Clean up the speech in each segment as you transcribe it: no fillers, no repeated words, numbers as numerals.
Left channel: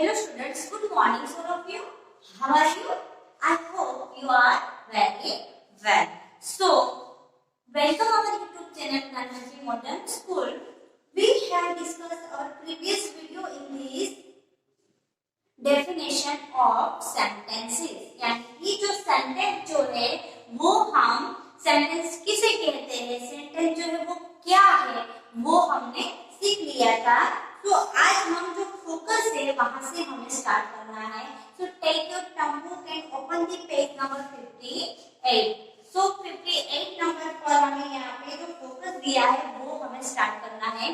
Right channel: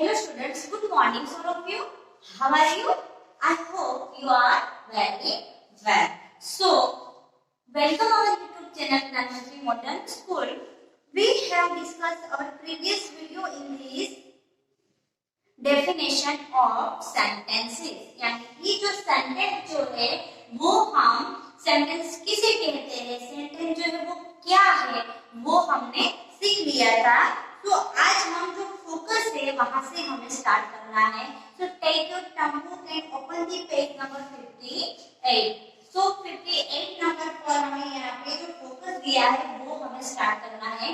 Hello students, good morning all of you. How are you? I hope you are very well. So, welcome our YouTube channel Nanmaji Modern School. We have discussed our previous video in this definition of sentences. यानी कि जो sentence जो है वो हम sentence किसे कहते हैं, सेंटेंस जो है वो क्या है वो हमने सीख लिया था. तो आज हम जो फोकस है वहां से हमें स्टार्ट करना है. तो take your notebook and open the page number 58. So 58 number पर हमें यहाँ पे जो फोकस दिया है वो हमें स्टार्ट करना है.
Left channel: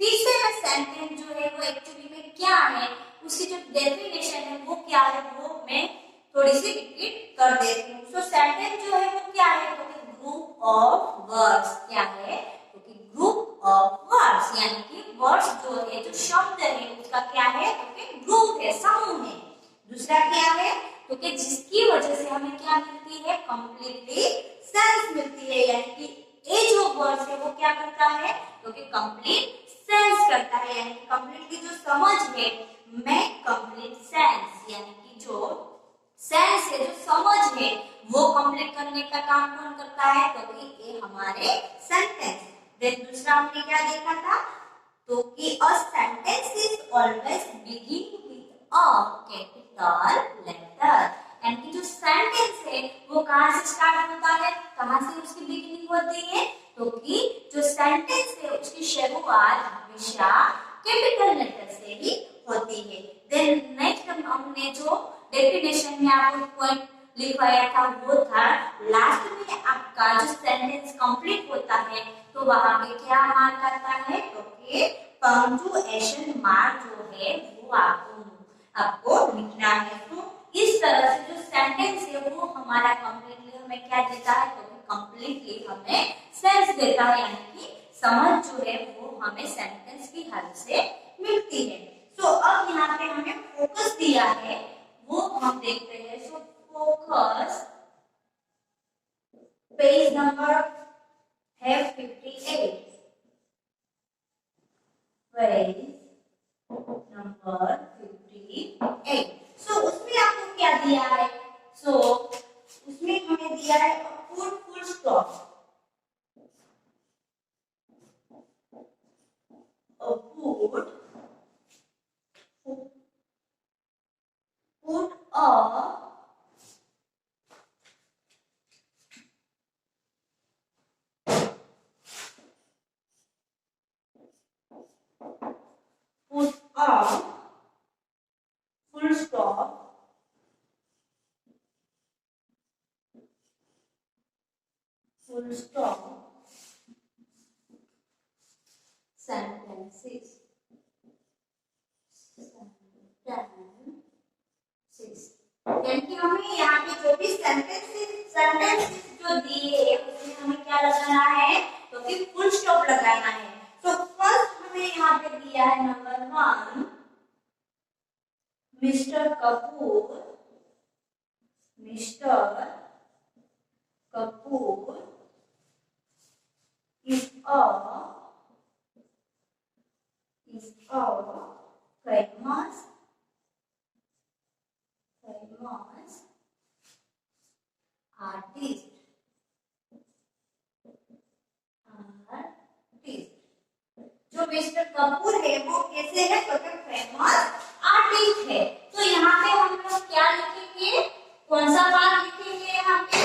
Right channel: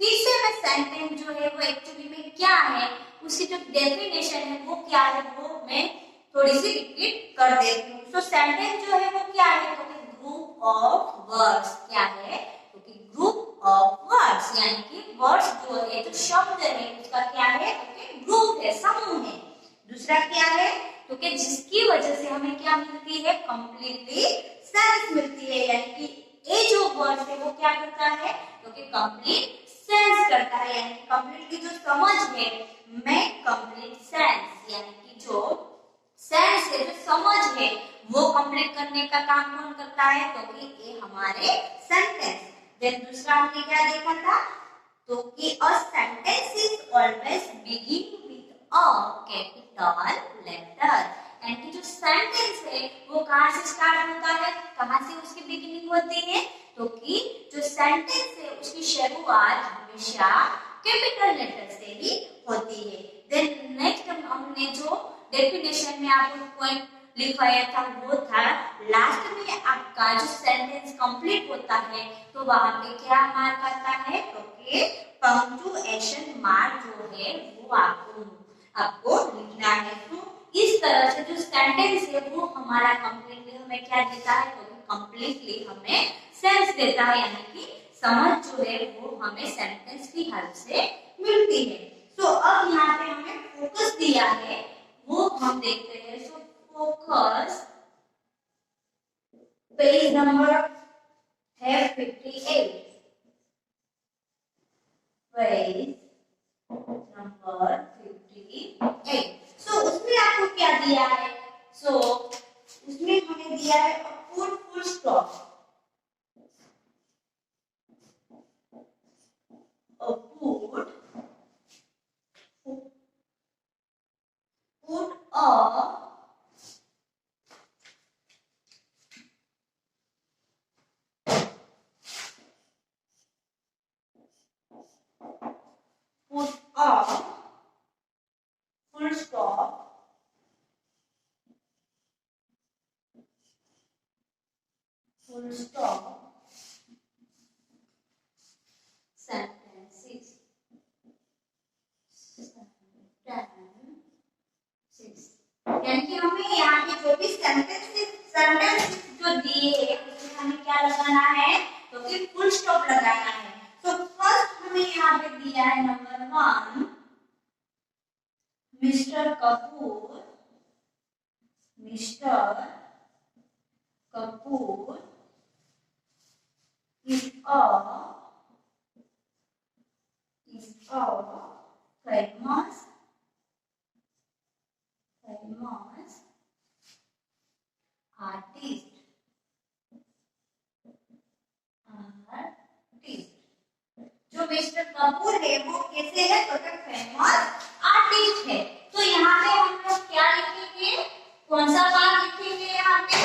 फिर से मैं सेंटेंस जो है वो एक्चुअली में क्या है, उसकी जो डेफिनेशन है वो क्या है वो मैं थोड़ी सी रिपीट कर देती हूँ. तो सेंटेंस जो है वो क्या है, तो ग्रुप ऑफ वर्ड्स. क्या है, तो ग्रुप ऑफ वर्ड्स यानी कि वर्ड्स जो है जो शब्द है उसका क्या है, तो ग्रुप है, समूह है. दूसरा क्या है, तो कि जिसकी वजह से हमें क्या मिलती है, कंप्लीटली सेंस मिलती है. यानी कि ये जो वर्ड्स है वो क्या करता है, तो कि कंप्लीट सेंस करता है. यानी कि कंप्लीटली जो समझ है, मैं कंप्लीट सेंस यानी कि जो सेंस है, जो समझ है वो कंप्लीट करने का काम कौन करता है, तो कि ये हमारे सेंटेंस. देन दूसरा हमने क्या देखा था, तो कि a sentence is always begin with a capital letter. यानी कि जो सेंटेंस है वो कहाँ से स्टार्ट होता है, कहाँ से उसकी बिगिनिंग होती है, तो कि जो सेंटेंस है उसकी शुरुआत हमेशा कैपिटल लेटर से ही होती है. देन नेक्स्ट हमने जो डेफिनेशन में आपको पॉइंट लिखवाया था वो था, लास्ट में आपका जो सेंटेंस कंप्लीट होता है तो वहां पे क्या मार्क आता है, तो कि पंक्चुएशन मार्क जो है वो आपको लिखना है. तो इस तरह से जो सेंटेंस है वो हमारा कंप्लीटली हमें क्या देता है, तो कंप्लीटली हमें सेंस देता है. यानी कि समझ जो है वो हमें सेंटेंस की हेल्प से मिलती है. तो अब यहाँ पे हमें फोकस दिया है वो हम देखते हैं. सो फोकस पेज नंबर है 58. Page number 58. सो उसमें आपको क्या दिया है, सो उसमें हमें दिया है full stop. Full stop sentences. यानी कि हमें यहाँ पे जो भी सेंटेंसेस जो दिए हैं उसमें हमें क्या लगाना है, तो कि फुल स्टॉप लगाना है. तो फर्स्ट हमें यहाँ पे दिया है number 1, mister Kapoor is a famous artist. जो मिस्टर कपूर है वो कैसे है, तो फेमस आर्टिस्ट है. तो यहाँ पे हम लोग क्या लिखेंगे, कौन सा बात लिखेंगे यहाँ पे,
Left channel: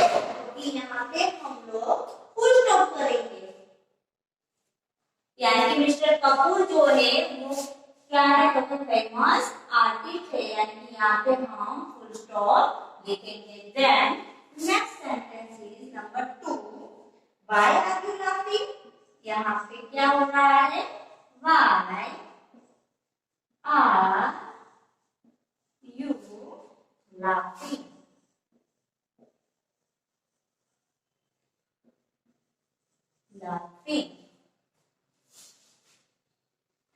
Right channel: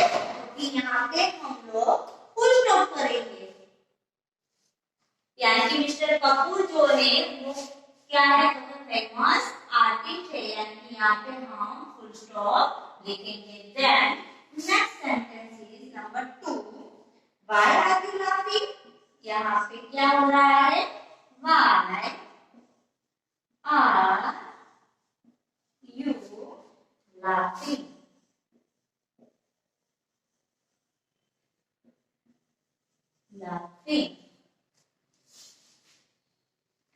तो यहाँ पे हम लोग फुल स्टॉप करेंगे. यानी कि मिस्टर कपूर जो है वो क्या है, तो फेमस आर्टिस्ट है. यानी कि यहाँ पे हम फुल स्टॉप लिखेंगे. Then next sentence is number 2, why are you laughing. यहाँ पे क्या हो रहा है, व्हाई आर यू लाफिंग.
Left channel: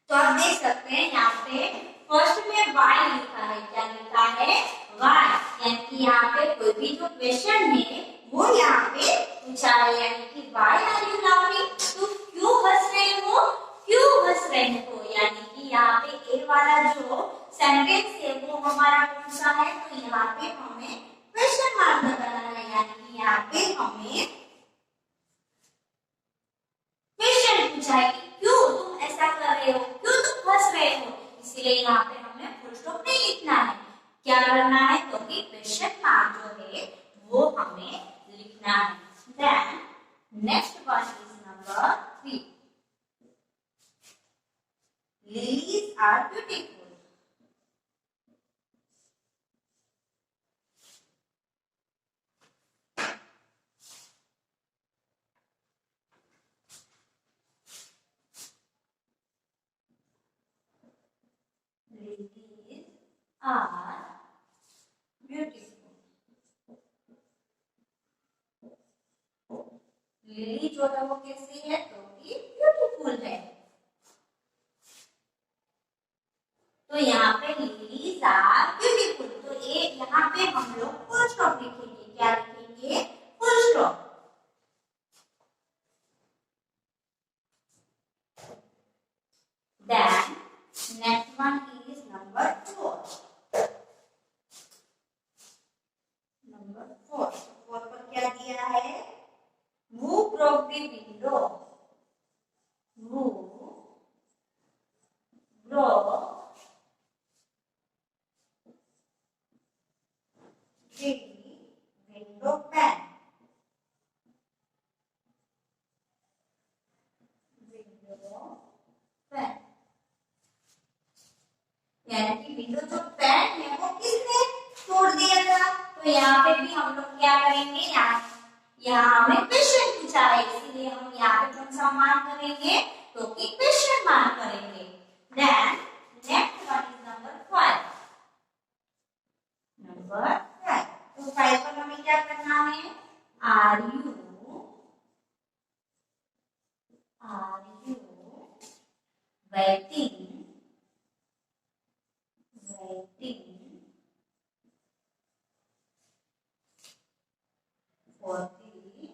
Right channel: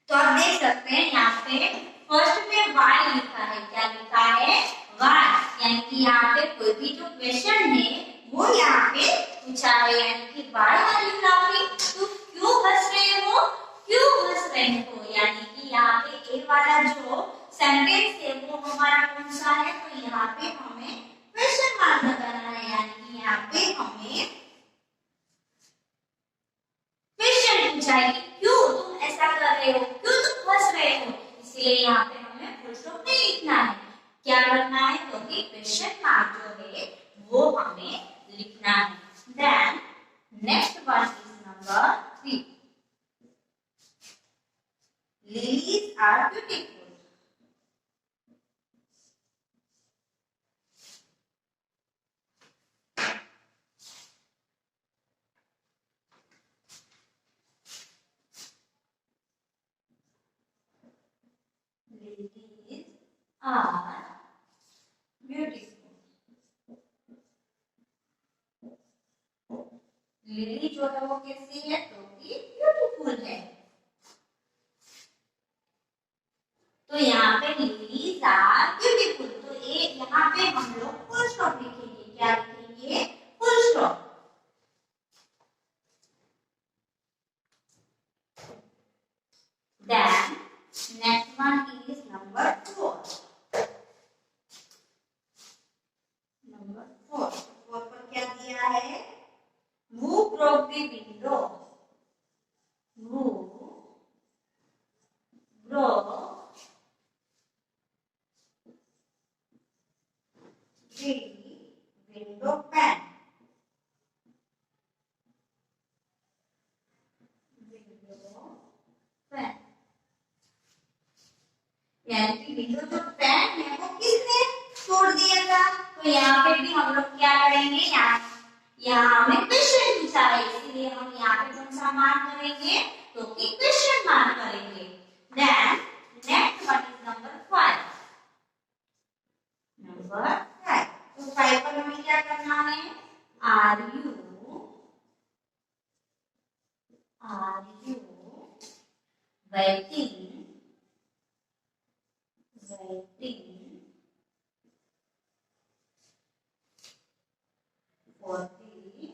तो आप देख सकते हैं यहाँ पे फर्स्ट में वाई लिखा है. क्या लिखा है, वाई. यानी कि यहाँ पे कोई भी जो क्वेश्चन है वो यहाँ पे पूछा है. यानी कि वाई आर यू लाफिंग, तो क्यों हंस रहे हो. यानी कि यहाँ पे ए वाला जो सेंटेंस है पूछा है कि क्यों तुम ऐसा कर रहे हो, क्यों तुम हंस रहे हो, इसलिए यहाँ पे हमें फुल स्टॉप नहीं लिखना है। क्या करना है, तो कि क्वेश्चन मार्क जो है वो हमें लिखना है। Then next one is number 3, lilies are beautiful. Lilies are beautiful. Lily जो है वो कैसी है, तो कि ब्यूटीफुल है। तो यहाँ पे लिलीज आर ब्यूटीफुल, तो ये यहाँ पे हम लोग फुल स्टॉप लिखेंगे। क्या लिखेंगे, full stop. Then next one is number 4। Number 4 पर क्या दिया है, Who broke the window? Who broke the window pane? Window pane. यानी कि विंडो जो पैन है वो किसने तोड़ दिया था। तो यहाँ पे भी हम लोग क्या करेंगे, यहाँ हमें क्वेश्चन पूछा है, इसलिए हम यहाँ पे कौन सा मार्क करेंगे, तो कि क्वेश्चन मार्क करेंगे। Then next one is number 5। Number 5, तो 5 पर हमें क्या करना है, are you waiting for the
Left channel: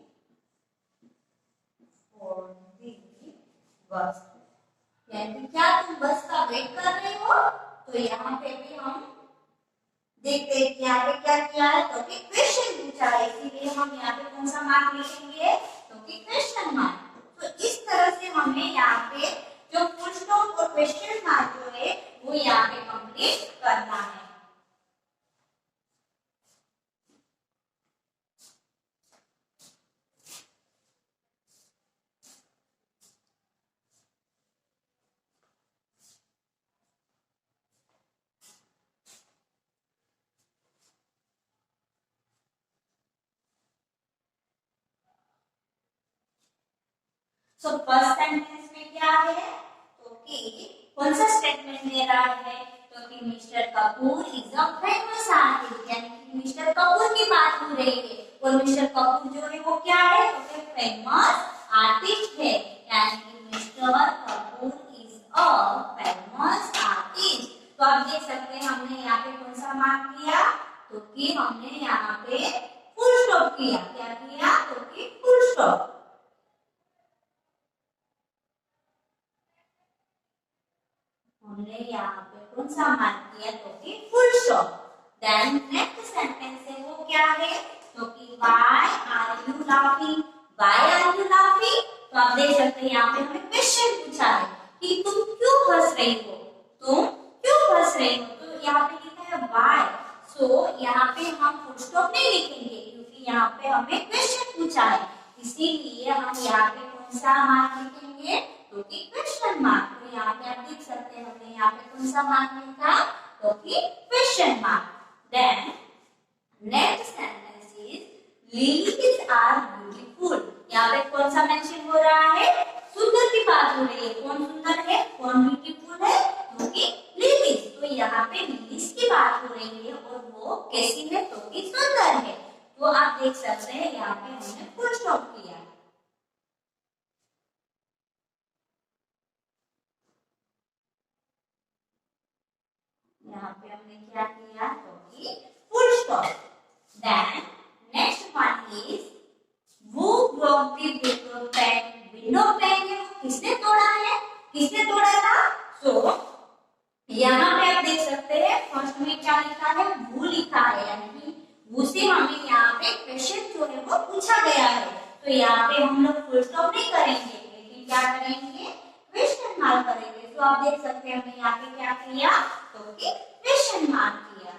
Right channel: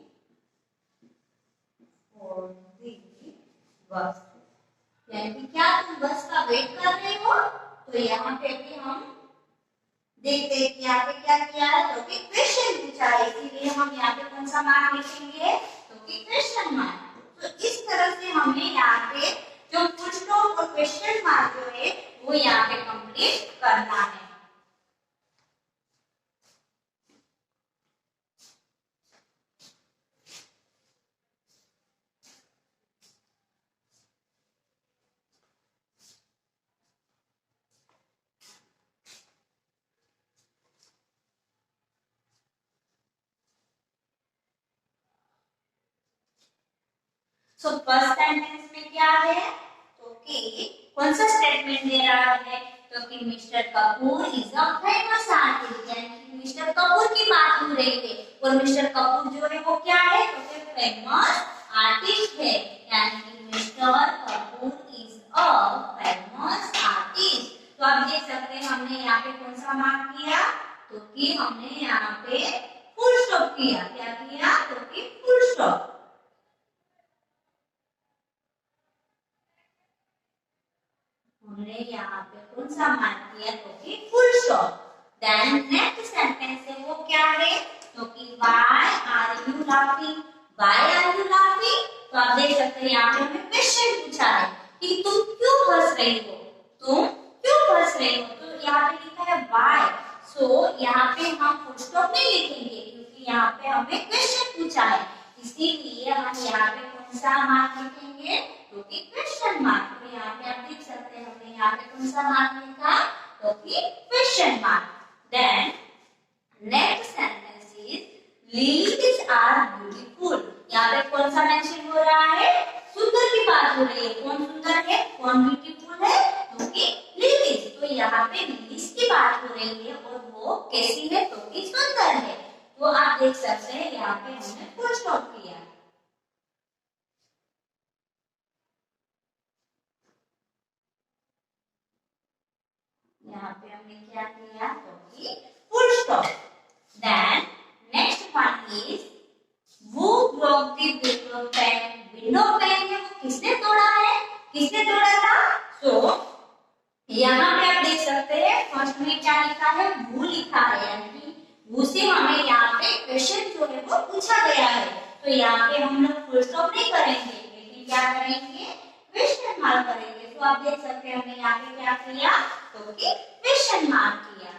बस। यानी क्या तुम बस का वेट कर रहे हो। तो यहाँ पे भी हम देखते हैं कि यहाँ पे क्या किया है, तो कि क्वेश्चन पूछा है, इसीलिए हम यहाँ पे कौन सा मार्क लिखेंगे, तो कि क्वेश्चन मार्क। तो इस तरह से हमें यहाँ पे जो फुल स्टॉप और क्वेश्चन मार्क जो है वो यहाँ पे कंप्लीट करना है। सो फर्स्ट सेंटेंस में क्या है, तो कि कौन सा स्टेटमेंट दे रहा है, तो कि mister Kapoor is a famous artist, यानी कि मिस्टर कपूर की बात हो रही है और मिस्टर कपूर जो है वो क्या है, तो कि फेमस आर्टिस्ट है। यानी कि mister Kapoor is a famous artist. तो आप देख सकते हैं हमने यहाँ पे कौन सा मार्क किया, तो कि हमने यहाँ पे फुल स्टॉप किया। क्या किया, तो कि फुल स्टॉप। हमने यहाँ पे कौन सा मार्क किया, तो कि full stop. Then next sentence है वो क्या है, तो कि why are you laughing, why are you laughing. तो आप देख सकते हैं यहाँ पे हमें क्वेश्चन पूछा है कि तुम क्यों हंस रही हो, तुम क्यों हंस रही हो। तो यहाँ पे लिखा है व्हाई। सो यहाँ पे हम फुल स्टॉप नहीं लिखेंगे क्योंकि यहाँ पे हमें क्वेश्चन पूछा है, इसीलिए हम यहाँ पे कौन सा मार्क लिखेंगे, तो कि क्वेश्चन मार्क। तो यहाँ पे आप देख सकते हैं हमने यहाँ पे कौन सा मार्क लिखा, तो कि question mark. Then next sentence is lilies are beautiful. यहाँ पे कौन सा मेंशन हो रहा है, सुंदर की बात हो रही है। कौन सुंदर है, कौन ब्यूटीफुल है, तो कि लिलीज। तो यहाँ पे लिलीज की बात हो रही है और वो कैसी है, तो कि सुंदर है। तो आप देख सकते हैं यहाँ पे हमने फुल स्टॉप किया। यहाँ पे हमने क्या किया, तो कि full stop. Then next one is वो broke the window pane. Window pane है वो किसने तोड़ा है, किसने तोड़ा था। सो यहाँ पे आप देख सकते हैं फर्स्ट में क्या लिखा है, वो लिखा है, यानी कि वो से हमें यहाँ पे क्वेश्चन जो है वो पूछा गया है। तो यहाँ पे हम लोग फुल स्टॉप नहीं करेंगे, लेकिन क्या करेंगे, क्वेश्चन मार्क करेंगे। तो आप देख सकते हैं हमने यहाँ पे क्या किया, तो कि क्वेश्चन मार्क किया।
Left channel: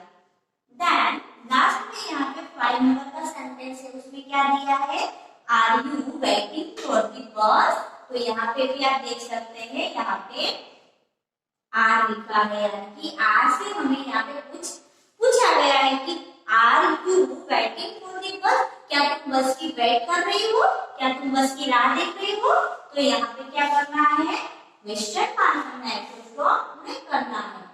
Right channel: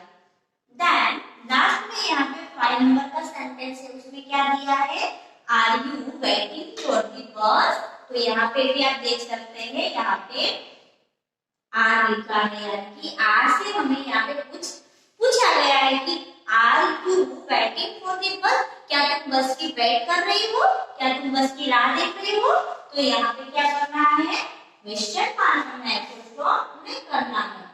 देन लास्ट में यहाँ पे 5 नंबर का सेंटेंस है, उसमें क्या दिया है, are you waiting for the bus. तो यहाँ पे भी आप देख सकते हैं, यहाँ पे आर लिखा है, यानी कि आर से हमें यहाँ पे कुछ पूछा गया है कि are you waiting for the bus, क्या तुम बस की वेट कर रही हो, क्या तुम बस की राह देख रही हो। तो यहाँ पे क्या करना है, क्वेश्चन मार्क करना है, उसको नहीं करना है।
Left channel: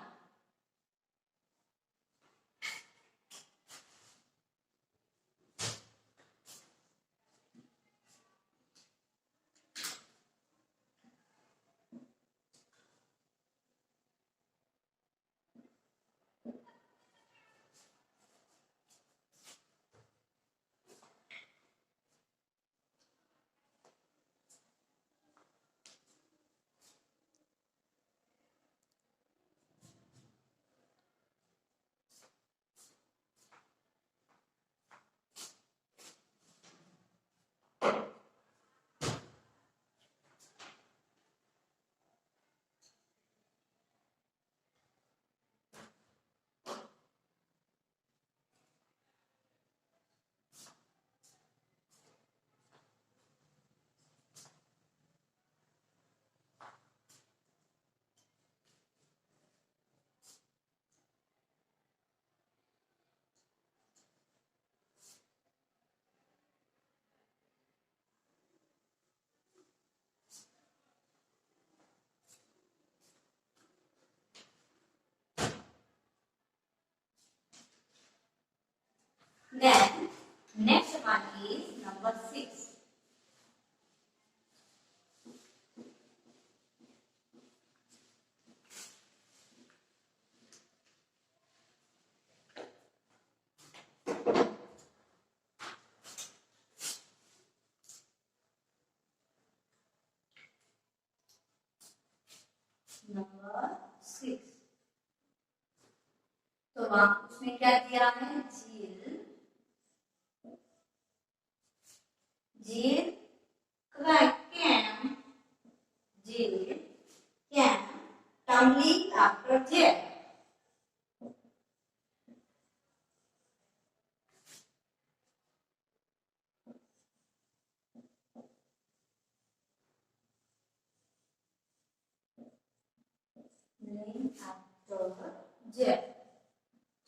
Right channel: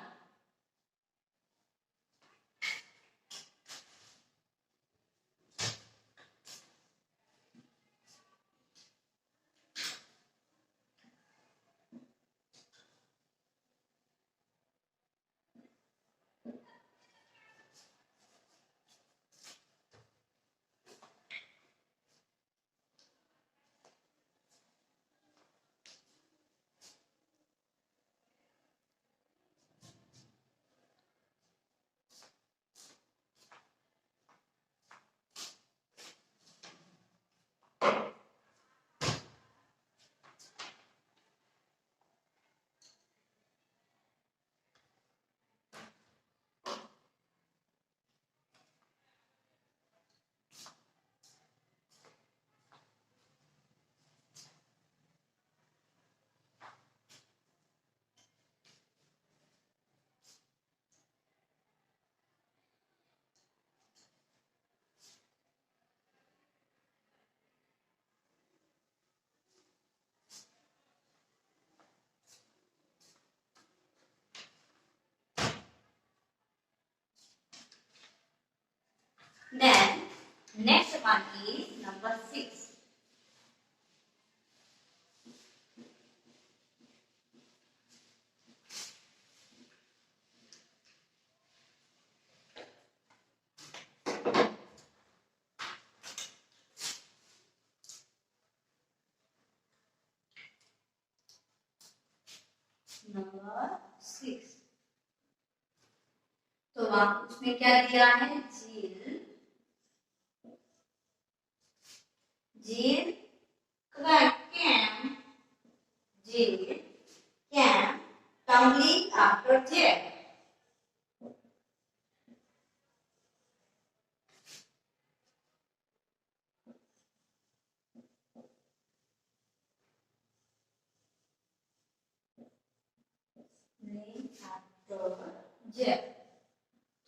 Then next one is number 6. Number 6. तो वहां उसमें क्या दिया है, झील, झील can, झील can tumbling after jet. After jet.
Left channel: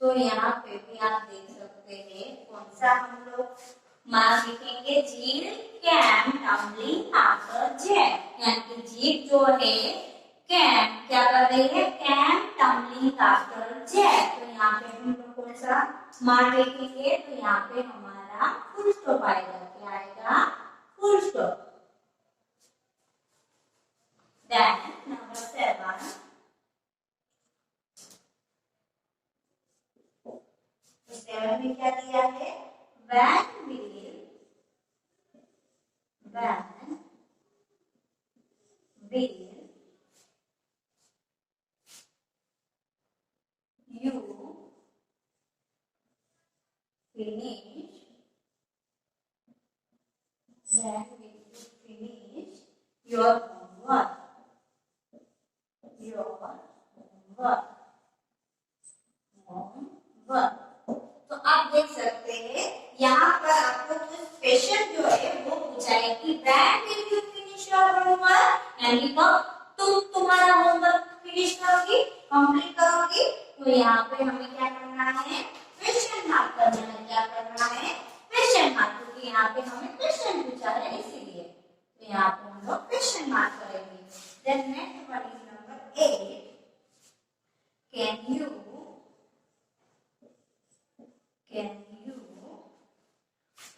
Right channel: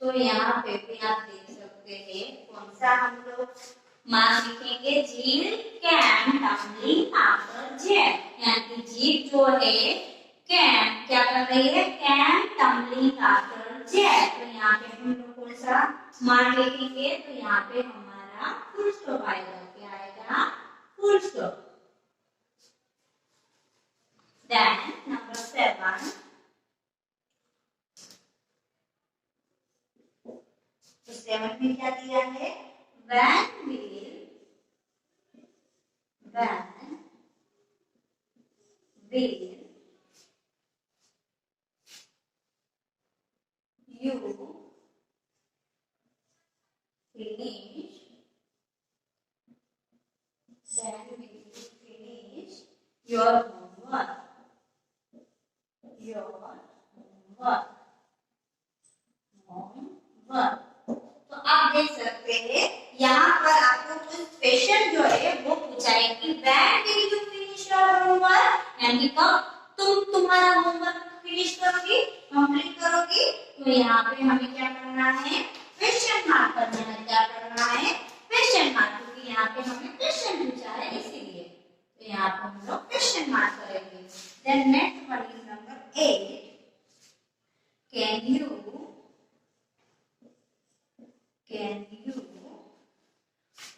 तो यहाँ पे भी आप देख सकते हैं कौन सा हम लोग मार्क लिखेंगे, झील कैन टम्बलिंग आफ्टर जेट, यानी कि झील जो है कैन क्या कर रही है, कैन टम्बलिंग आफ्टर जेट। तो यहाँ पे हम लोग कौन सा मार्क लिखेंगे, तो यहाँ पे हमारा फुल स्टॉप आएगा, क्या आएगा, फुल स्टॉप। देन नंबर 7, तो 7 में क्या दिया है, when will you finish, when will you finish your homework, homework। तो आप देख सकते हैं यहाँ पर आपको कुछ स्पेशल जो है वो पूछा है कि when will you finish your homework, यानी कब तुम तुम्हारा होमवर्क फिनिश करोगी, कंप्लीट करोगी। तो यहाँ पे हमें क्या करना है, क्वेश्चन मार्क करना है, क्या करना है, क्वेश्चन मार्क, क्योंकि यहाँ पे हमें क्वेश्चन पूछा है इसीलिए। तो यहाँ पे हम लोग क्वेश्चन मार्क करेंगे। Then next one is number 8, can you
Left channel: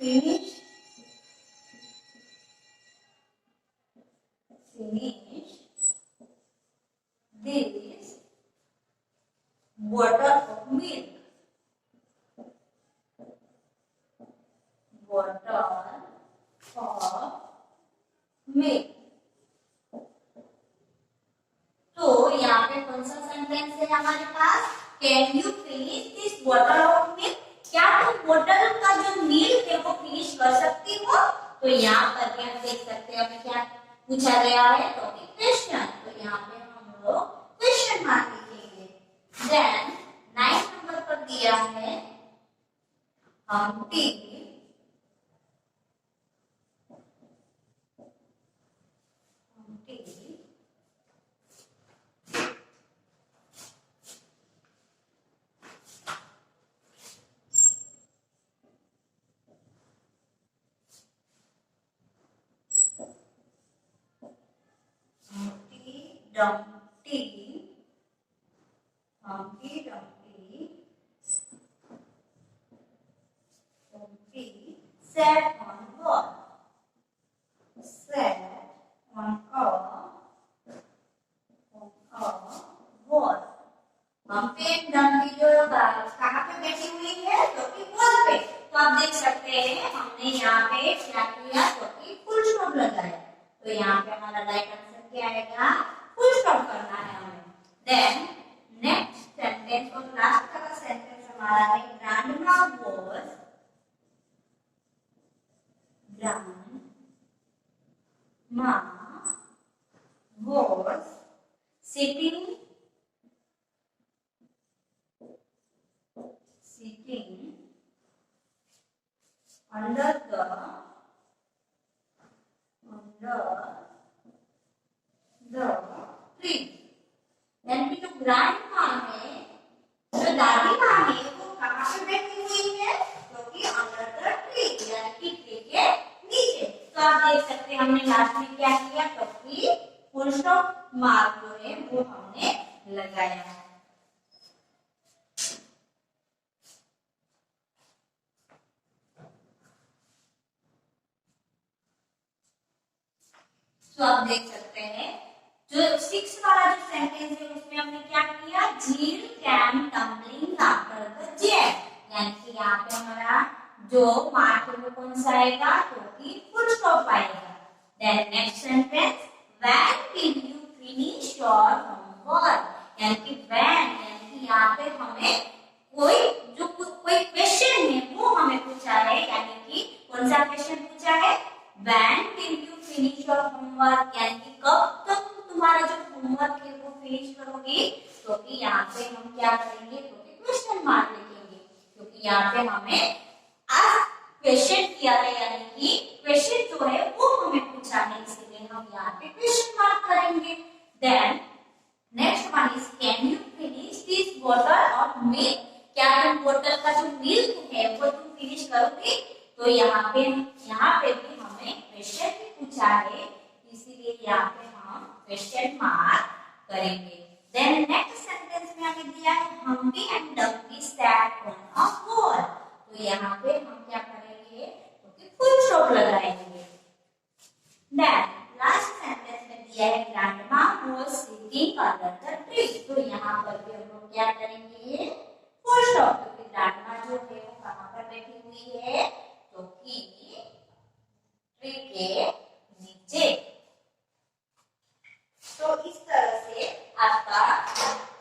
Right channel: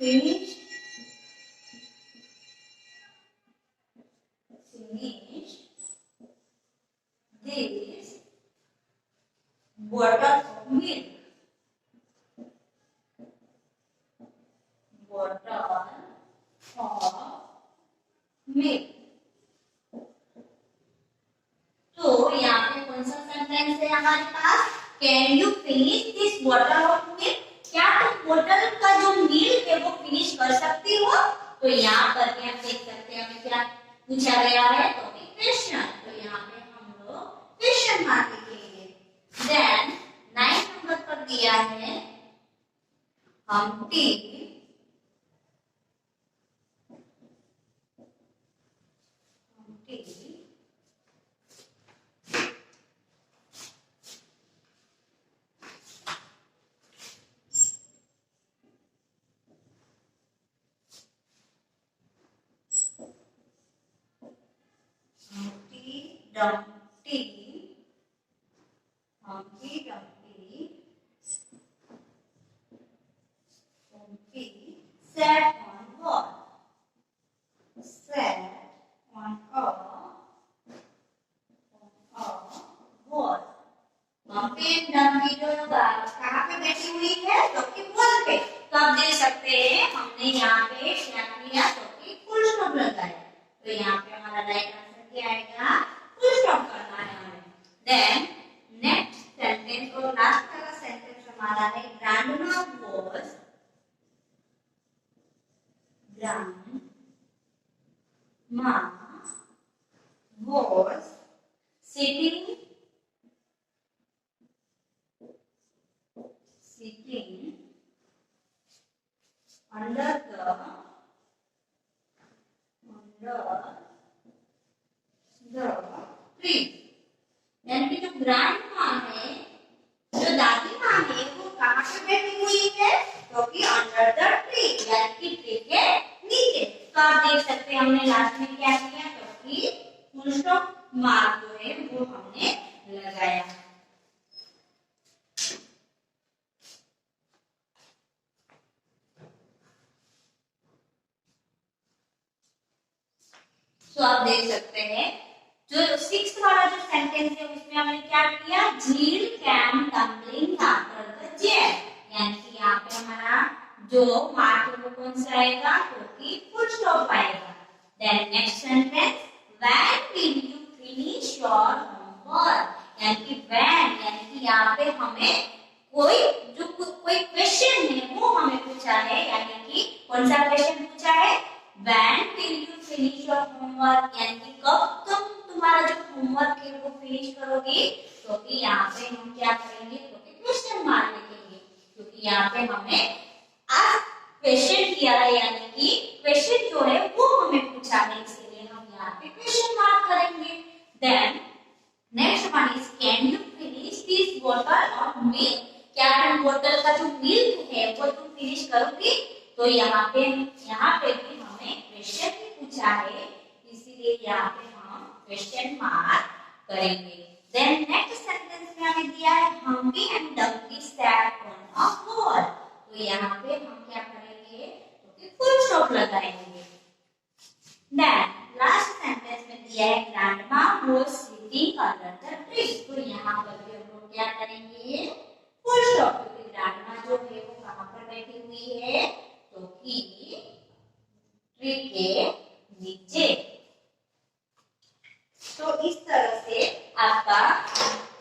finish this bottle of milk, तो यहाँ पे कौन सा सेंटेंस है हमारे पास, can you finish this bottle of milk, क्या तुम बोतल का जो मिल्क है वो फिनिश कर सकती हो। तो यहाँ पर आप देख सकते हैं हमें क्या पूछा गया है तो क्वेश्चन, तो यहाँ पे हम लोग क्वेश्चन मार्क लिखेंगे। देन 9 नंबर पर दिया है Humpty Dumpty, Humpty Dumpty sat on what? Sat on a wall. Humpty and Dumpty जो कहाँ पे बैठी हुई है? तो कि वॉल पे। तो आप देख सकते हैं हमने यहाँ पे क्या किया? तो कि फुल स्टॉप लगाया। तो यहाँ पे हमारा राइट आंसर क्या आएगा? फुल स्टॉप करना है हमें। देन नेक्स्ट सेंटेंस और लास्ट वाला सेंटेंस हमारा है grandma was sitting under the tree। यानी कि जो ग्रैंड माँ है, जो दादी माँ है, वो कहाँ पे बैठी हुई है? क्योंकि अंडर द ट्री, यानी कि ट्री के नीचे। तो आप देख सकते हैं हमने लास्ट में क्या किया? क्योंकि फुल स्टॉप मार्क जो है वो हमने लगाया। तो आप देख सकते हैं जो 6 वाला जो सेंटेंस है उसमें हमने क्या किया? Jill came tumbling after the jet, यानी कि यहाँ पे हमारा जो मार्क है वो कौन सा आएगा? क्योंकि फुल स्टॉप आएगा। Then next sentence when will you finish your homework, यानी कि व्हेन, यानी कि यहाँ पे हमें कोई क्वेश्चन है वो हमें पूछा है, यानी कि कौन सा क्वेश्चन पूछा है? When will you finish your homework, यानी कि कब तुम तुम्हारा जो होमवर्क है वो फिनिश करोगी? क्योंकि यहाँ पे हम क्या करेंगे? क्योंकि क्वेश्चन मार्क लिखेंगे, क्योंकि यहाँ पे हमें आज क्वेश्चन किया है, यानी कि क्वेश्चन जो है वो हमें पूछा है, इसलिए हम यहाँ पे क्वेश्चन मार्क करेंगे। Then next one is can you finish this bottle of milk, क्या तुम बोतल का जो मिल्क है वो तुम फिनिश करोगी? तो यहाँ पे भी हमें क्वेश्चन भी पूछा है, इसीलिए यहाँ पे हम क्वेश्चन मार्क करेंगे। देन नेक्स्ट सेंटेंस में हमें दिया है Humpty and Dumpty sat on a wall, तो यहाँ पे हम क्या करेंगे? तो फुल स्टॉप लगाएंगे। देन लास्ट सेंटेंस में दिया है grandma was sitting under the tree, तो यहाँ पर भी हम लोग क्या करेंगे? फुल स्टॉप, क्योंकि ग्रैंडमा जो है वो कहाँ पर बैठी हुई है? तो कि ट्री के नीचे। तो इस तरह से आपका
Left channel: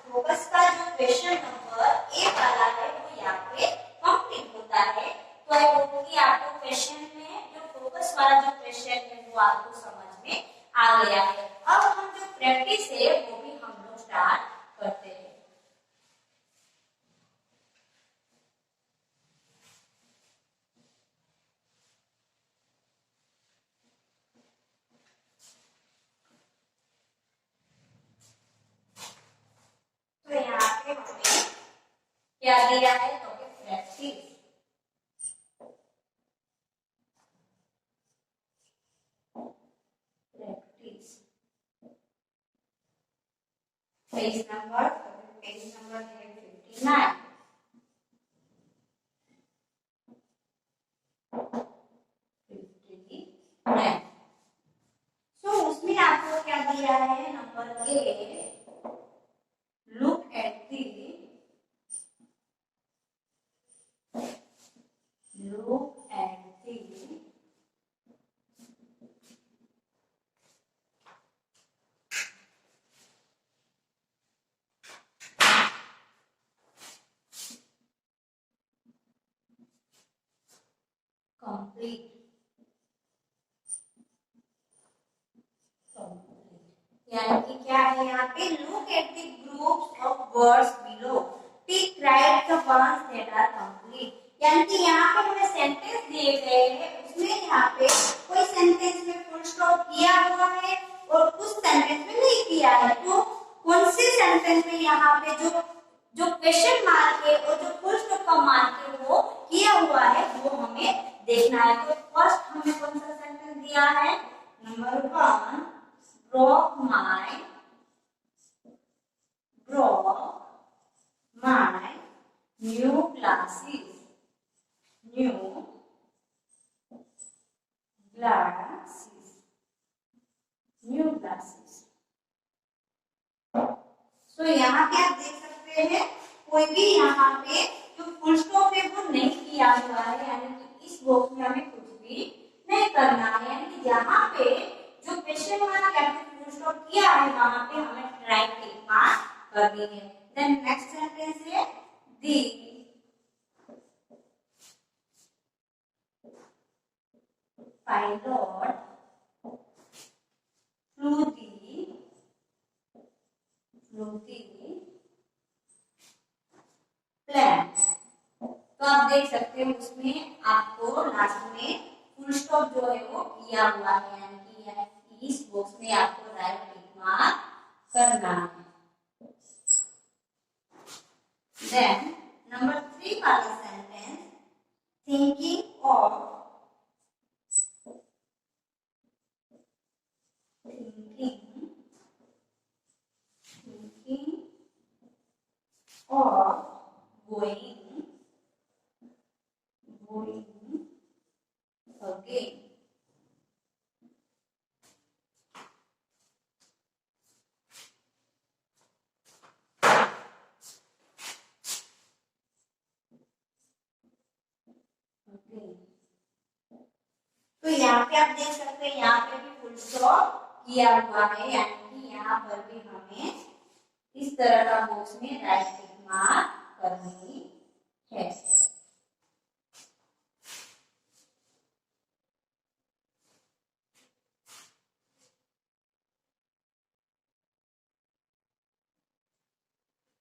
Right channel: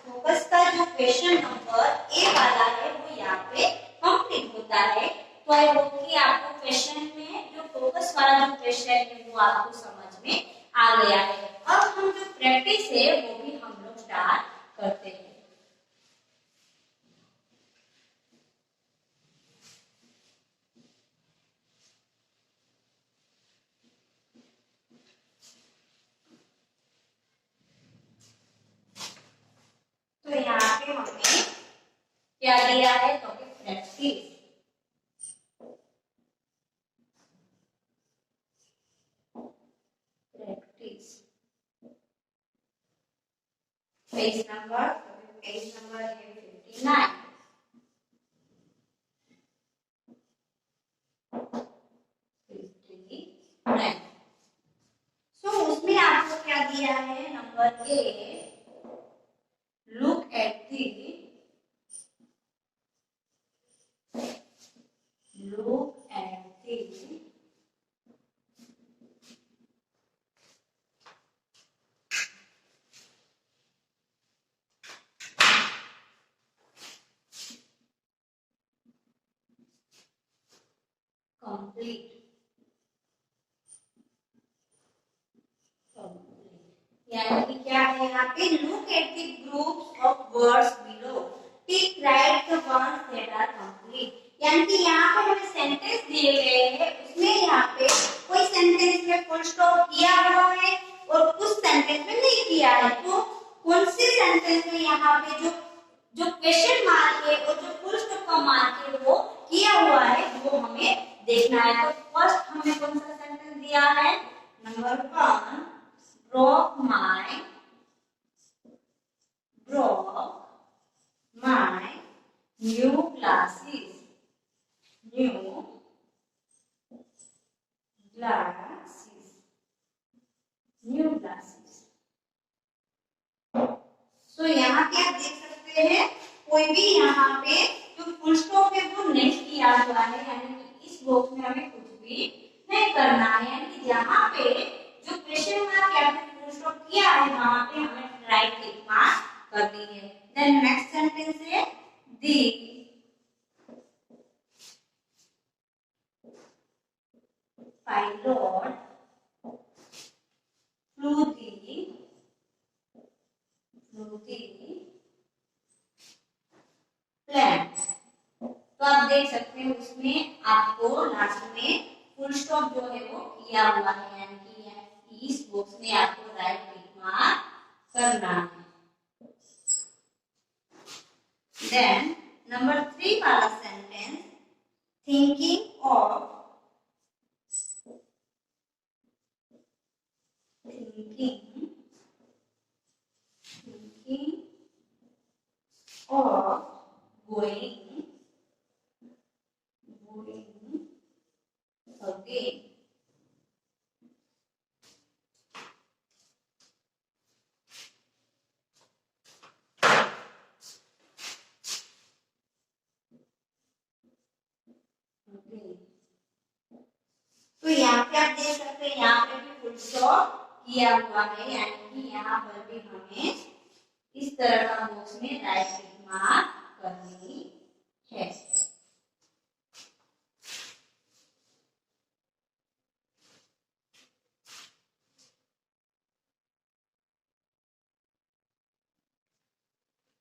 फोकस का जो क्वेश्चन नंबर ए वाला है वो यहाँ पे कंप्लीट होता है। तो आई होप कि आपको क्वेश्चन में जो फोकस वाला जो क्वेश्चन है वो आपको समझ में आ गया है। अब हम जो प्रैक्टिस है वो भी हम लोग स्टार्ट करते हैं। तो यहाँ पे हमने क्या दिया है? तो प्रैक्टिस, पेज नंबर है 59। तो उसमें आपको क्या दिया है? Number A, look at the complete यानी कि क्या है यहाँ पे, look at the groups of words below, tick right the words that are complete. यानी कि यहाँ पे हमें सेंटेंस दिए गए हैं, उसमें यहाँ पे कोई सेंटेंस में फुल स्टॉप किया हुआ है और कुछ सेंटेंस में नहीं किया है। तो कौन से सेंटेंस में यहाँ पे जो जो क्वेश्चन मार्क है और जो फुल स्टॉप का मार्क है वो किया हुआ है, वो हमें देखना है। तो फर्स्ट हमें कौन सा सेंटेंस दिया है, number 1, broke my new glasses, new glasses, new glasses। तो यहाँ पे आप देख सकते हैं कोई भी यहाँ पे जो फुल स्टॉप है वो नहीं किया हुआ है, यानी कि इस बॉक्स में हमें कुछ भी नहीं करना है। यानी कि यहाँ पे जो क्वेश्चन मार्क या फिर फुल स्टॉप किया है वहां पे हमें राइट टिक मार्क करनी है। देन नेक्स्ट सेंटेंस है, दी pilot flew the plane। तो आप देख सकते हैं उसमें आपको लास्ट में फुल स्टॉप जो है वो किया हुआ है, यानी कि इस बॉक्स में आपको राइट टिक मार्क करना है। देन नंबर 3 वाला sentence, thinking of going again। तो यहाँ पे आप देख सकते हैं यहाँ पे भी फुल स्टॉप किया हुआ है, यानी कि यहाँ पर भी हमें इस तरह का बॉक्स में राइट टिक मार्क करनी है।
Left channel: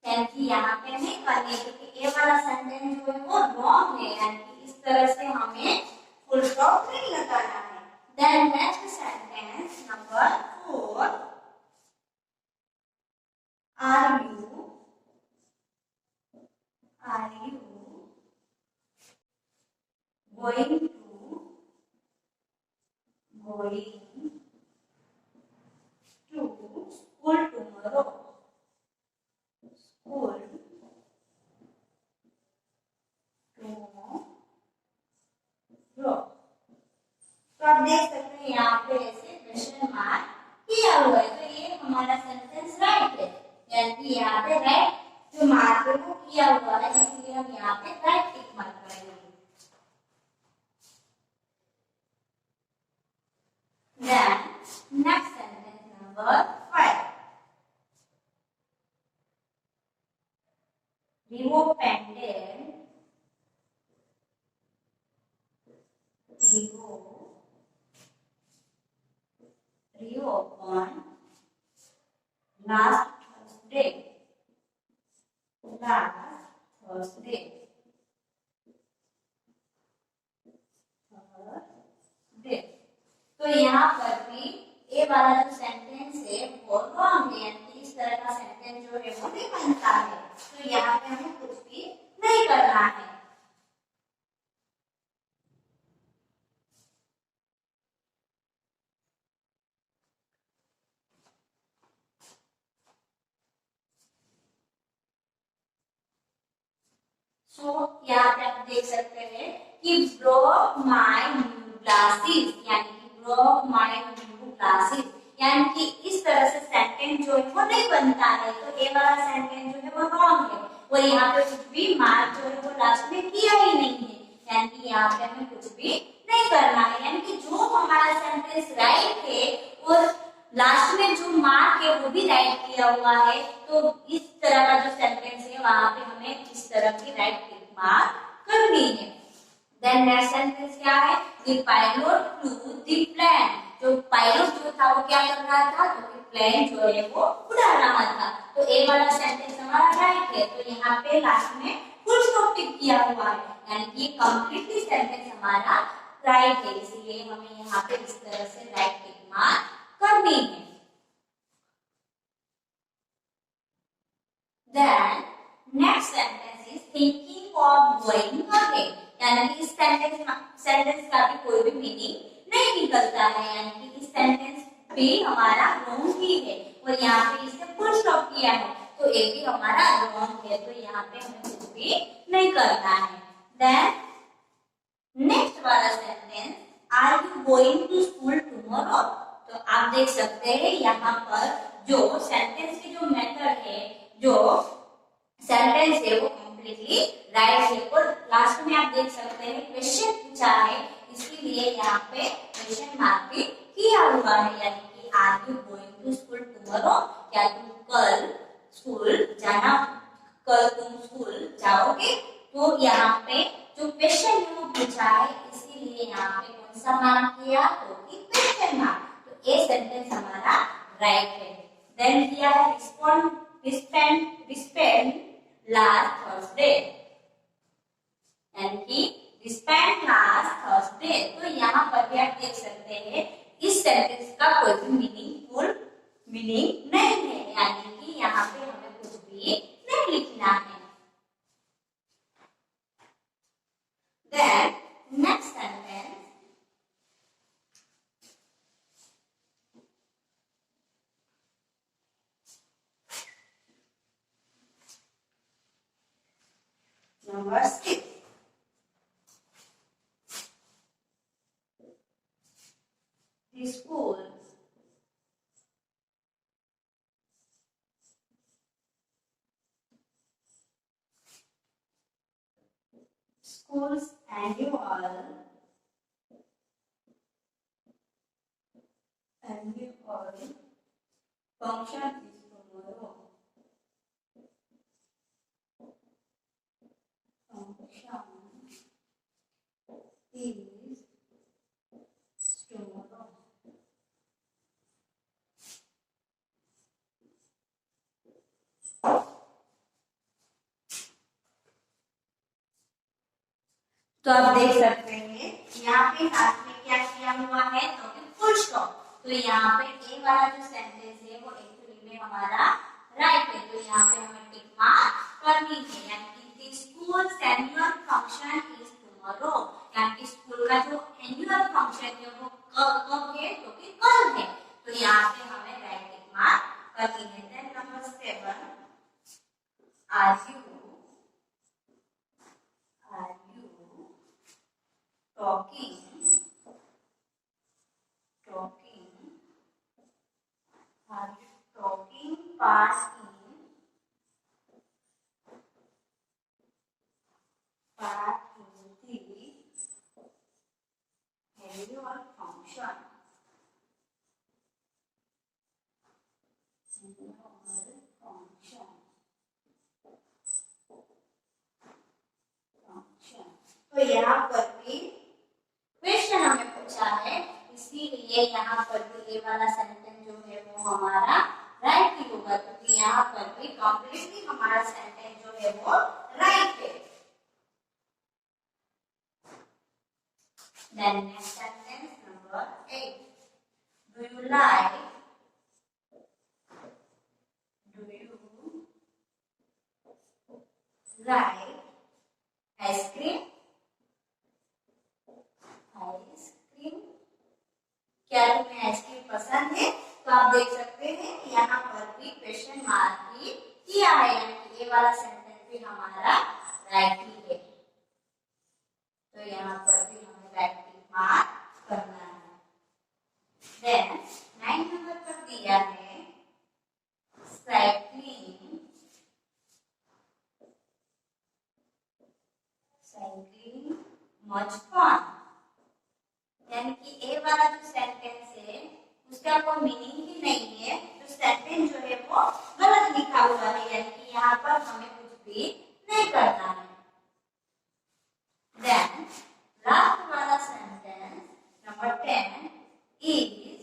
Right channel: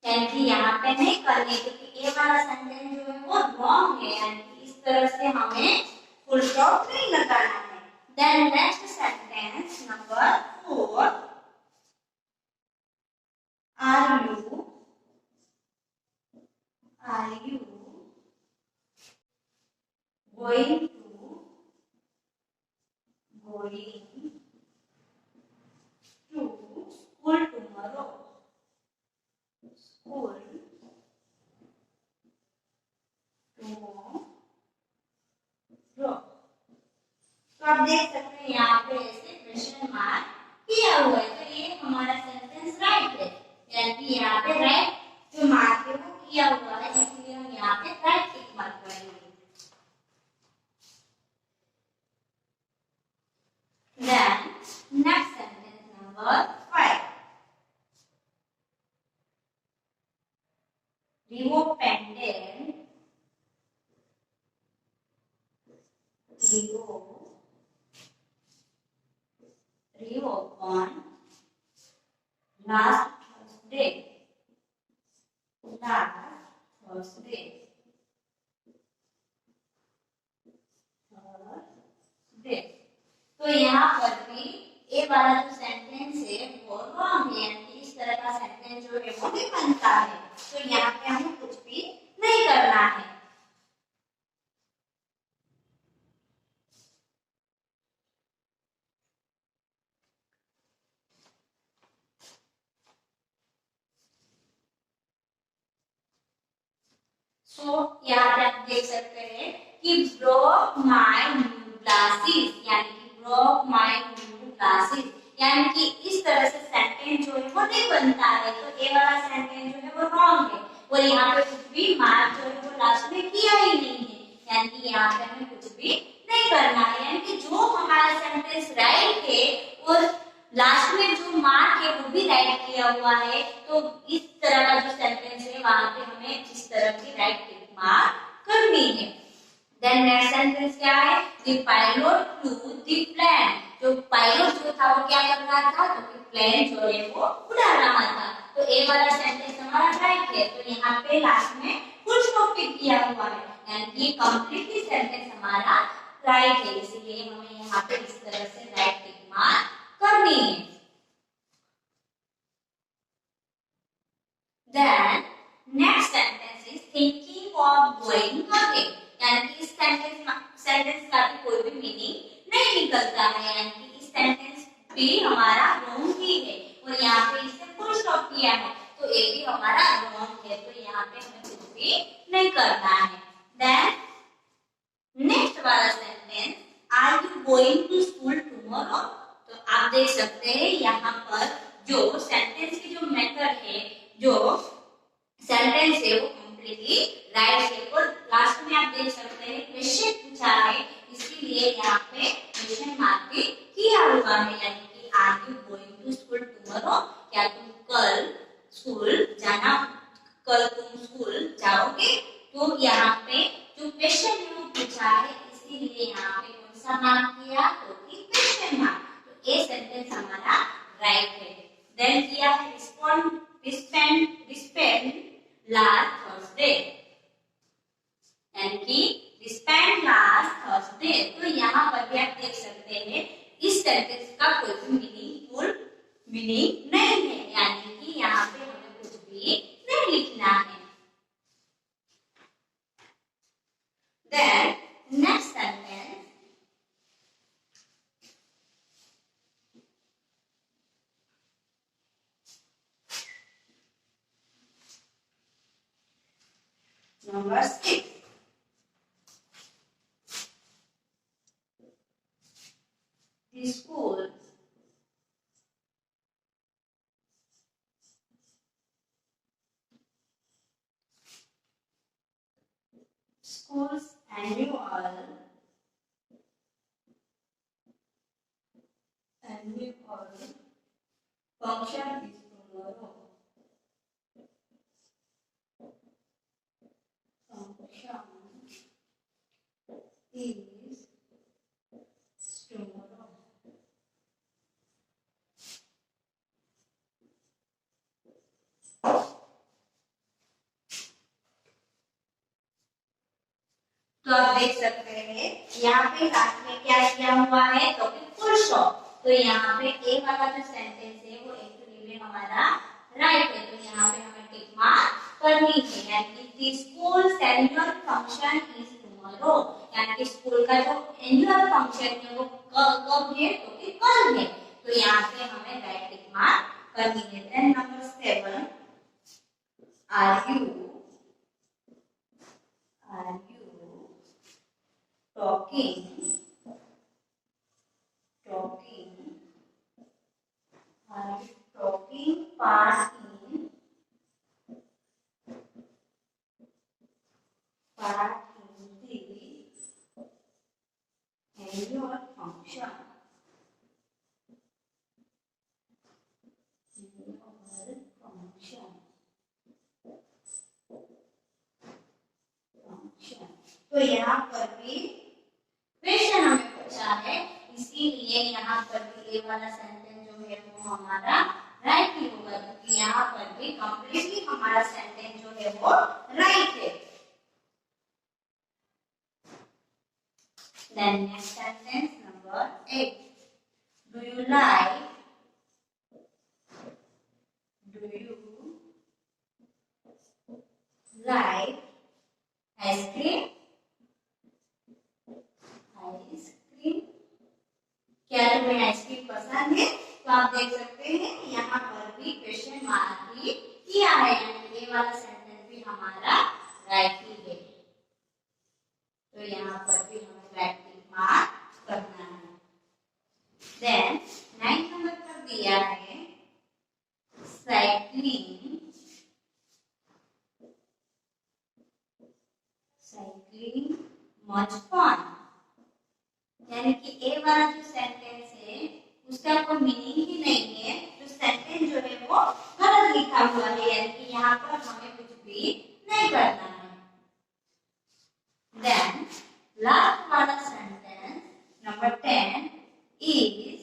यानी कि यहाँ पे नहीं करनी, क्योंकि ये वाला सेंटेंस जो है वो रॉन्ग है, यानी कि इस तरह से हमें फुल स्टॉप नहीं लगाना है। Then next sentence number 4, are you going to school tomorrow? School tomorrow। तो आप देख सकते हैं यहाँ पे ऐसे क्वेश्चन मार्क किया हुआ है, तो ये हमारा सेंटेंस राइट है, यानी कि यहाँ पे राइट जो मार्क है वो किया हुआ है, इसलिए हम यहाँ पे राइट टिक मार्क करेंगे। Then next sentence number 5, Rio pendant reopened last Thursday। तो यहाँ पर भी ए वाला जो सेंटेंस है वो रॉन्ग है, यानी कि इस तरह का सेंटेंस जो है वो नहीं बनता है। तो यहाँ पे हमें कुछ भी नहीं करना है। यहाँ पे आप देख सकते हैं कि broke my new glasses, यानी कि broke my new glasses, यानी कि इस तरह से सेंटेंस जो है वो नहीं बनता है। तो ए वाला सेंटेंस जो है वो रॉन्ग है, और यहाँ पे कुछ भी मार्क जो है वो लास्ट में किया ही नहीं है, यानी कि यहाँ पे हमें कुछ भी नहीं करना है। यानी कि जो हमारा सेंटेंस राइट है और लास्ट में जो मार्क है वो भी राइट किया हुआ है, तो इस तरह का जो सेंटेंस है वहां पे हमें इस तरह की राइट टिक मार्क करनी है। देन नेक्स्ट सेंटेंस क्या है, the pilot flew the plane. जो पायलट जो था वो क्या कर रहा था, तो कि प्लेन जो है वो उड़ा रहा था। तो ए वाला सेंटेंस हमारा राइट है। तो यहाँ पे लास्ट में फुल स्टॉप टिक किया हुआ है, यानी कि कंप्लीटली सेंटेंस हमारा राइट है, इसलिए हमें यहाँ पे इस तरह से राइट टिक मार्क करनी है। Then next sentence is thinking of going again, यानी कि इस सेंटेंस का भी कोई भी मीनिंग नहीं निकलता है, यानी कि इस सेंटेंस भी हमारा रॉन्ग ही है और यहाँ पे इससे फुल स्टॉप किया है, तो ये भी हमारा रॉन्ग है। तो यहाँ पे हमें कुछ भी नहीं करना है। Then नेक्स्ट वाला सेंटेंस, are you going to school tomorrow. तो आप देख सकते हैं यहाँ पर जो सेंटेंस की जो मेथड है, जो सेंटेंस है वो कंप्लीटली राइट है और लास्ट में आप देख सकते हैं क्वेश्चन पूछा है, इसके लिए यहाँ पे क्वेश्चन मार्क भी किया हुआ है, यानी कि are you going to school tomorrow, क्या तुम कल स्कूल जाना, कल तुम स्कूल जाओगे। तो यहाँ पे जो क्वेश्चन है वो पूछा है, इसीलिए यहाँ पे कौन सा मार्क किया, तो कि क्वेश्चन मार्क। तो ये सेंटेंस हमारा राइट है। देन किया है रिस्पेंड लास्ट थर्सडे, यानी कि रिस्पेंड लास्ट थर्सडे। तो यहाँ पर भी आप देख सकते हैं इस सेंटेंस का कोई भी मीनिंगफुल मीनिंग नहीं है, यानी कि यहाँ पे हमें कुछ भी नहीं लिखना है। Then next sentence, number 6. The school's annual function is tomorrow. Function is tomorrow. तो आप देख सकते हैं यहाँ पे लास्ट में क्या किया हुआ है, तो फुल स्टॉप। तो यहाँ पे ए वाला जो सेंटेंस है वो एक्चुअली में हमारा राइट है, तो यहाँ पे हमें टिक मार्क करनी है, यानी कि school annual function is tomorrow, यानी कि स्कूल का जो एनुअल फंक्शन है वो कब है, तो कि कल है। तो यहाँ पे हमें राइट टिक मार्क करनी है। Then number 7, are you talking are you talking part in the annual function, तो यहाँ पर भी क्वेश्चन हमें पूछा है, इसीलिए यहाँ पर भी ये वाला सेंटेंस जो है वो हमारा राइट ही होगा, क्योंकि यहाँ पर भी कंप्लीटली हमारा सेंटेंस जो है वो राइट है। Then next sentence number 8, do you like ice cream? क्या तुम्हें आइसक्रीम पसंद है? तो आप देख सकते हैं यहाँ पर भी क्वेश्चन मार्क ही किया है, ये वाला सेंटेंस भी हमारा राइट ही है, तो यहाँ पर भी हमें राइट मार्क करना है। देन 9 नंबर पर दिया है साइक्लिंग मच फन, यानी कि ए वाला जो सेंटेंस है उसका कोई मीनिंग ही नहीं है, तो सेंटेंस जो है वो गलत लिखा हुआ है, यानी कि यहाँ पर हमें कुछ भी नहीं करना है। देन लास्ट वाला sentence number 10 is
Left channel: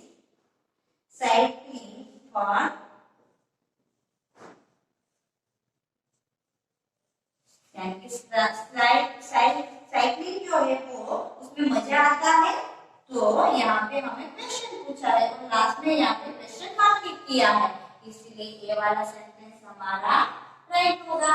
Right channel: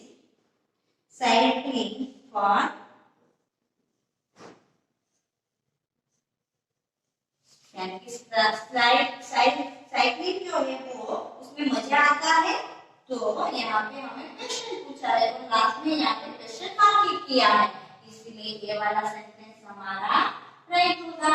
fun, cycling जो है वो उसमें मजा आता है। तो यहाँ पे हमें क्वेश्चन पूछा है और लास्ट में यहाँ पे क्वेश्चन मार्क किया है, इसलिए ये वाला सेंटेंस हमारा राइट होगा।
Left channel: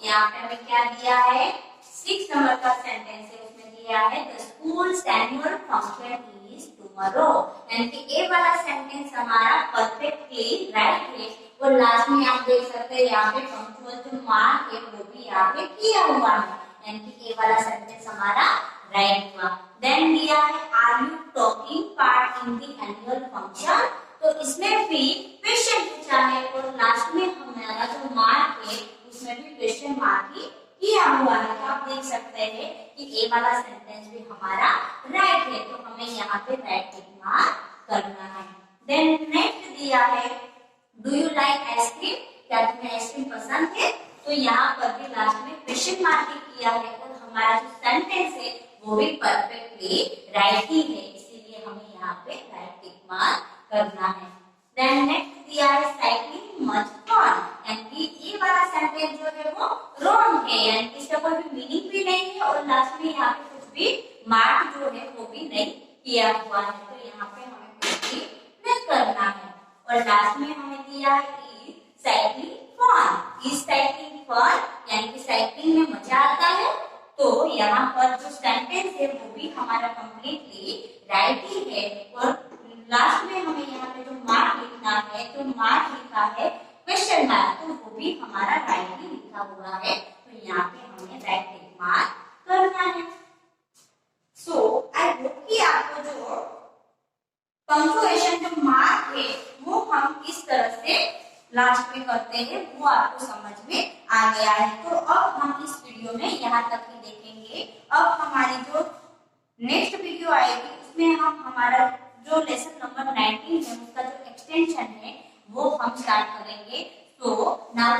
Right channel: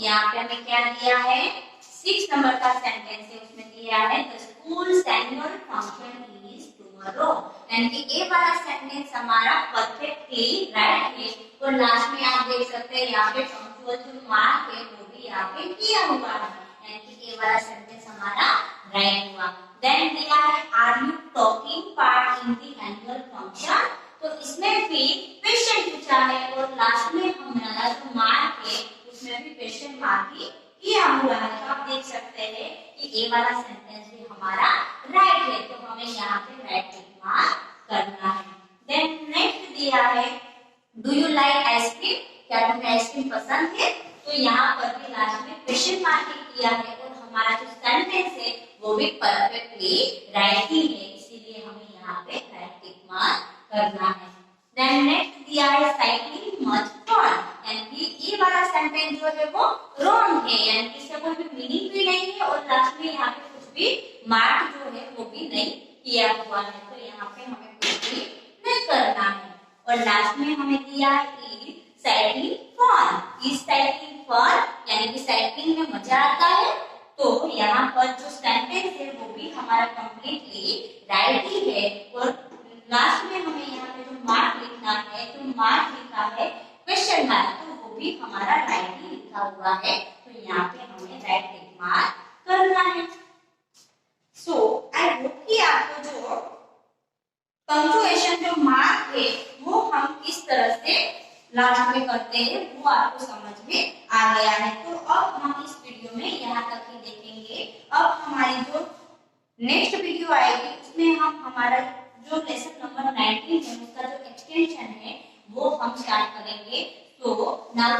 यहाँ पे हमें क्या दिया है, 6 नंबर का सेंटेंस है, उसमें दिया है the schools annual function is tomorrow, यानी कि ये वाला सेंटेंस हमारा परफेक्टली राइट है। और लास्ट में आप देख सकते हैं यहाँ पे पंक्चुअल जो मार्क है वो भी यहाँ पे किया हुआ है, यानी कि ये वाला सेंटेंस हमारा राइट हुआ। देन दिया है are you talking part in the annual function, तो इसमें भी क्वेश्चन पूछा है और लास्ट में हमारा जो मार्क है उसमें भी क्वेश्चन मार्क ही किया हुआ है। तो आप देख सकते हैं कि ये वाला सेंटेंस भी हमारा राइट है, तो हमें यहाँ पे राइट टिक मार्क करना है। देन नेक्स्ट दिया है डू यू लाइक आइसक्रीम, क्या तुम्हें आइसक्रीम पसंद है, तो यहाँ पर भी लास्ट में क्वेश्चन मार्क किया है और हमारा जो सेंटेंस है वो भी परफेक्टली राइट ही है, इसीलिए हमें यहाँ पे राइट टिक मार्क करना है। देन नेक्स्ट दिया है साइकिलिंग मच फन, यानी कि ये वाला सेंटेंस जो है वो रॉन्ग है, यानी कि इसका कोई भी मीनिंग भी नहीं है और लास्ट में यहाँ पे कुछ भी मार्क जो है वो भी नहीं किया हुआ है, तो यहाँ पे हमें कुछ भी नहीं करना है। और लास्ट में हमें दिया है is cycling fun, is cycling fun, यानी कि साइकिलिंग में मजा आता है, तो यहाँ पर जो सेंटेंस है वो भी हमारा कंप्लीटली राइट ही है। और लास्ट में हमें यहाँ पे जो मार्क लिखना है, जो मार्क लिखा है क्वेश्चन मार्क, तो वो भी हमारा राइट ही लिखा हुआ है, तो यहाँ पे हमें राइट टिक मार्क करना है। सो आई होप कि आपको जो पंक्चुएशन जो मार्क है वो हम किस तरह से लास्ट में करते हैं वो आपको समझ में आ गया है। तो अब हम इस वीडियो में यहाँ तक ही देखेंगे। अब हमारी जो नेक्स्ट वीडियो आएगी उसमें हम हमारा जो लेसन नंबर 19 है उसका जो एक्सटेंशन है वो हम स्टार्ट करेंगे। तो नाउ